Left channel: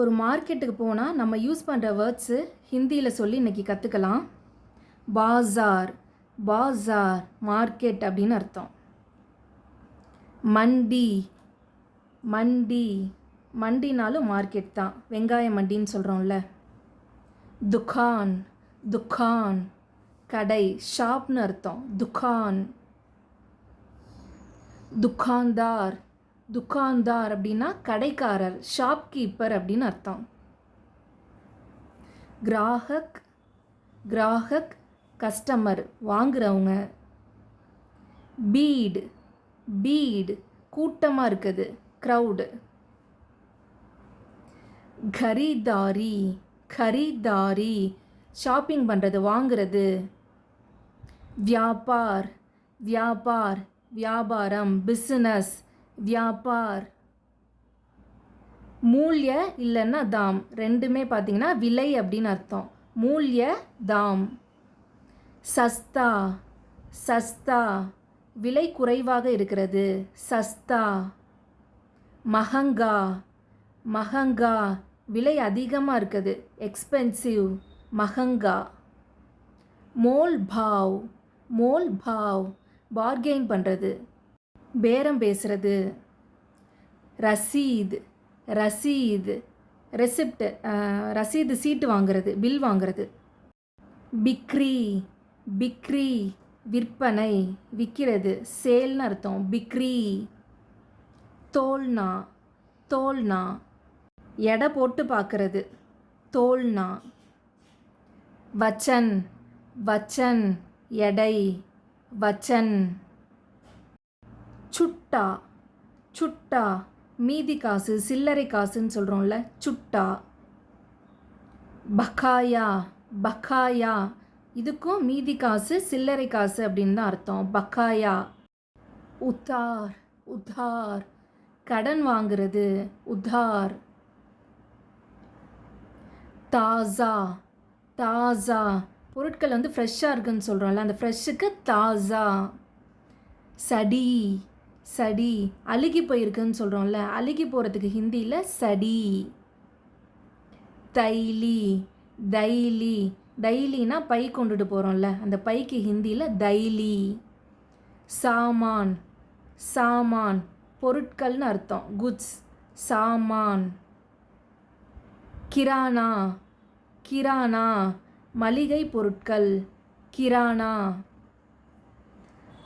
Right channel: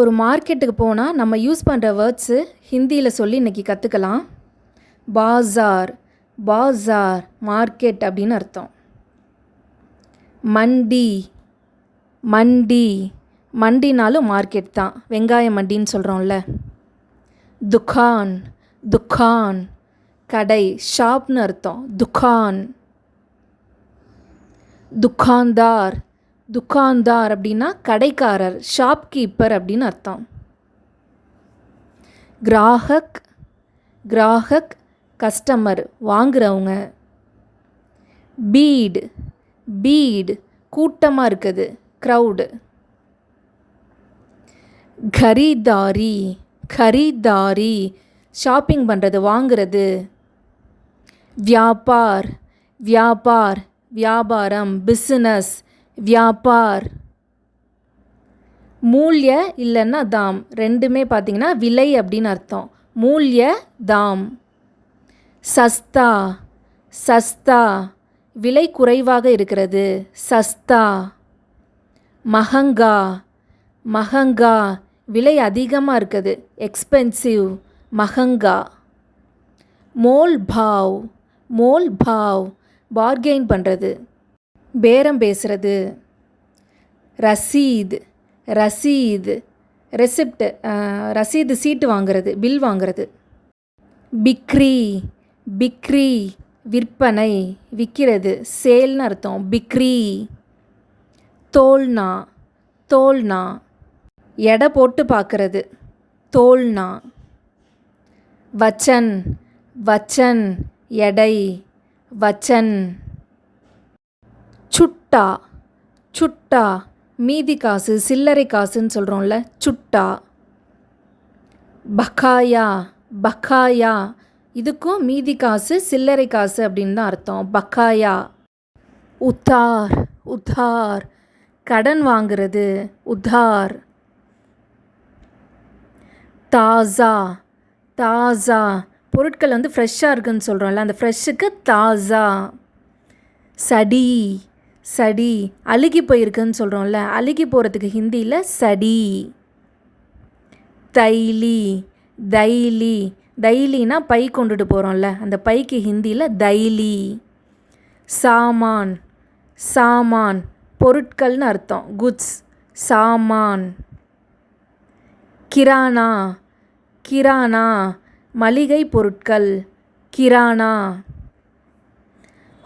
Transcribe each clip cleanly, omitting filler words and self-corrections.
ஒரு மார்க்கெட்டுக்கு போனால் நம்ம யூஸ் பண்ணுற வேர்ட்ஸு ஹிந்தியில் சொல்லி இன்றைக்கி கற்றுக்கலாம். பாஸார், பாஸார் மார்க்கெட் அப்படின்னு அர்த்தம். மண்டி, மண்டி, மண்டினாலும் மார்க்கெட் தான், வெங்காய மண்டின்னு சொல்கிறோம்ல. துக்கான், துக்கான் கடை, ஷாப்னு அர்த்தம். துக்கான். துக்கான்தார், துக்கான்தார் அப்படின்னா கடைக்காரர், ஷாப்கீப்பர் அப்படின்னு அர்த்தம். கிராஹக், கிராஹக் கஸ்டமர், வாங்குறவங்க. பீட், பீட் கூட்டமாக இருக்குது, க்ரௌடு. கரீதாரி, கரீதாரி ஷாப்பிங் பண்ணுறது, வாங்குறது. வியாபார், வியாபார் வியாபாரம், பிஸ்னஸ், வியாபார். மூல்ய இல்லைன்னா தாம், ரெண்டுமே பார்த்திங்கன்னா விலை அப்படின்னு அர்த்தம். மூல்ய தாம். சஸ்தா, சஸ்தா விலை குறைவாக இருக்கிறது, சஸ்தா. மஹங்கா, மஹங்கா விலை அதிகமாக இருக்குது, எக்ஸ்பென்சிவ், மஹங்கா. மோல் பாவ், மோல் பாவ் பார்கெயின் பண்ணுறது, பேரம் பேசுகிறது. ரசீத், ரசீத் ரெசிப்ட், ரசீது சீட்டு வாங்கிறது, பில் வாங்கிறது. பிக்ரி, பிக்ரி விற்பனை, விற்கிறது, சேல்னு அர்த்தம், பிக்ரி. தோல்னா, தோல்னா எடை போட்டு பார்க்குறது, தோல்னா. வச்சன், வச்சன் எடை, வச்சன். சுட்டா, சுட்டா மீதி காசு, சில்லறை காசுன்னு சொல்கிறோம்ல, சுட்டா. பக்காயா, பக்காயா இதுக்கும் மீதி காசு, சில்லறை காசு அப்படின்னு தான் அர்த்தம், பக்காயா. உத்தார், உத்தார் கடன் வாங்கிறது, உத்தார். தாஸா, தாஸா பொருட்கள் வந்து ஃப்ரெஷ்ஷாக இருக்குதுன்னு சொல்கிறோம்ல, அந்த ஃப்ரெஷ்ஷுக்கு தாஸா. சடி, சடி அழுகி போயிருக்குன்னு சொல்கிறோம்ல, அழுகி போகிறதுக்கு ஹிந்தியில் சடி. தைலி, தைலி தைலினா பை கொண்டுட்டு போகிறோம்ல, அந்த பைக்கு ஹிந்தியில் தைலி. சாமான், சாமான் பொருட்கள்னு அர்த்தம், குட்ஸ், சாமான். கிரானா, கிரானா மளிகை பொருட்கள், கிரானா.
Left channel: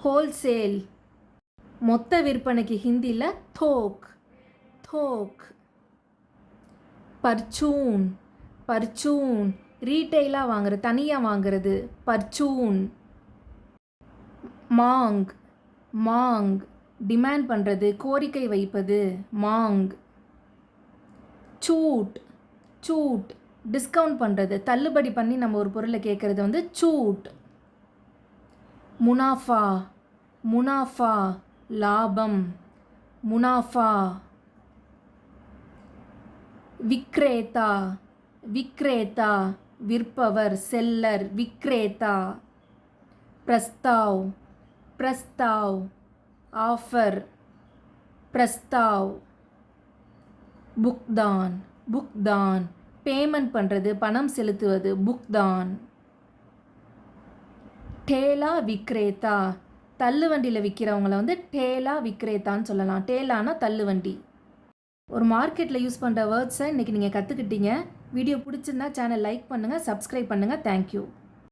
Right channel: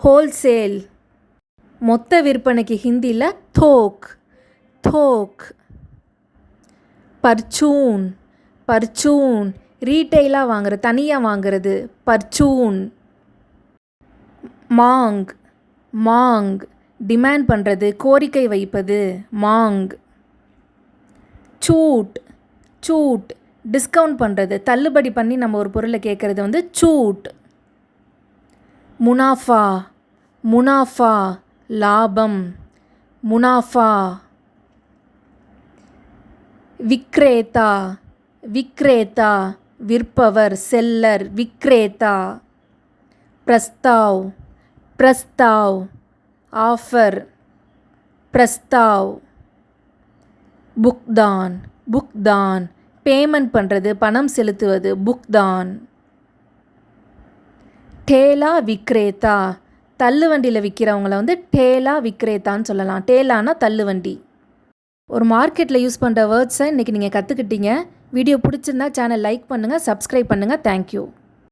ஹோல்சேல் மொத்த விற்பனைக்கு ஹிந்தியில் தோக், தோக். பர்ச்சூன், பர்ச்சூன் ரீட்டெயிலாக வாங்குறது, தனியாக வாங்குறது, பர்ச்சூன். மாங், மாங் டிமாண்ட் பண்ணுறது, கோரிக்கை வைப்பது, மாங். சூட், சூட் டிஸ்கவுண்ட் பண்ணுறது, தள்ளுபடி பண்ணி நம்ம ஒரு பொருளை கேட்குறது வந்து சூட். முனாஃபா, முனாஃபா லாபம், முனாஃபா. விக்ரேதா, விக்ரேதா விற்பவர், செல்லர், விக்ரேதா. பிரஸ்தாவ், பிரஸ்தாவ் ஆஃபர், பிரஸ்தாவ். புக்தான், புக்தான் பேமெண்ட் பண்ணுறது, பணம் செலுத்துவது, புக்தான். டேலா விக்ரேதா தள்ளுவண்டியில் விற்கிறவங்கள வந்து டேலா விக்ரேத்தான்னு சொல்லலாம். டேலானா தள்ளுவண்டி. ஒரு மார்க்கெட்டில் யூஸ் பண்ணுற வேர்ட்ஸை இன்றைக்கி நீங்கள் கற்றுக்கிட்டீங்க. வீடியோ பிடிச்சிருந்தா சேனல் லைக் பண்ணுங்கள், சப்ஸ்கிரைப் பண்ணுங்கள். தேங்க்யூ.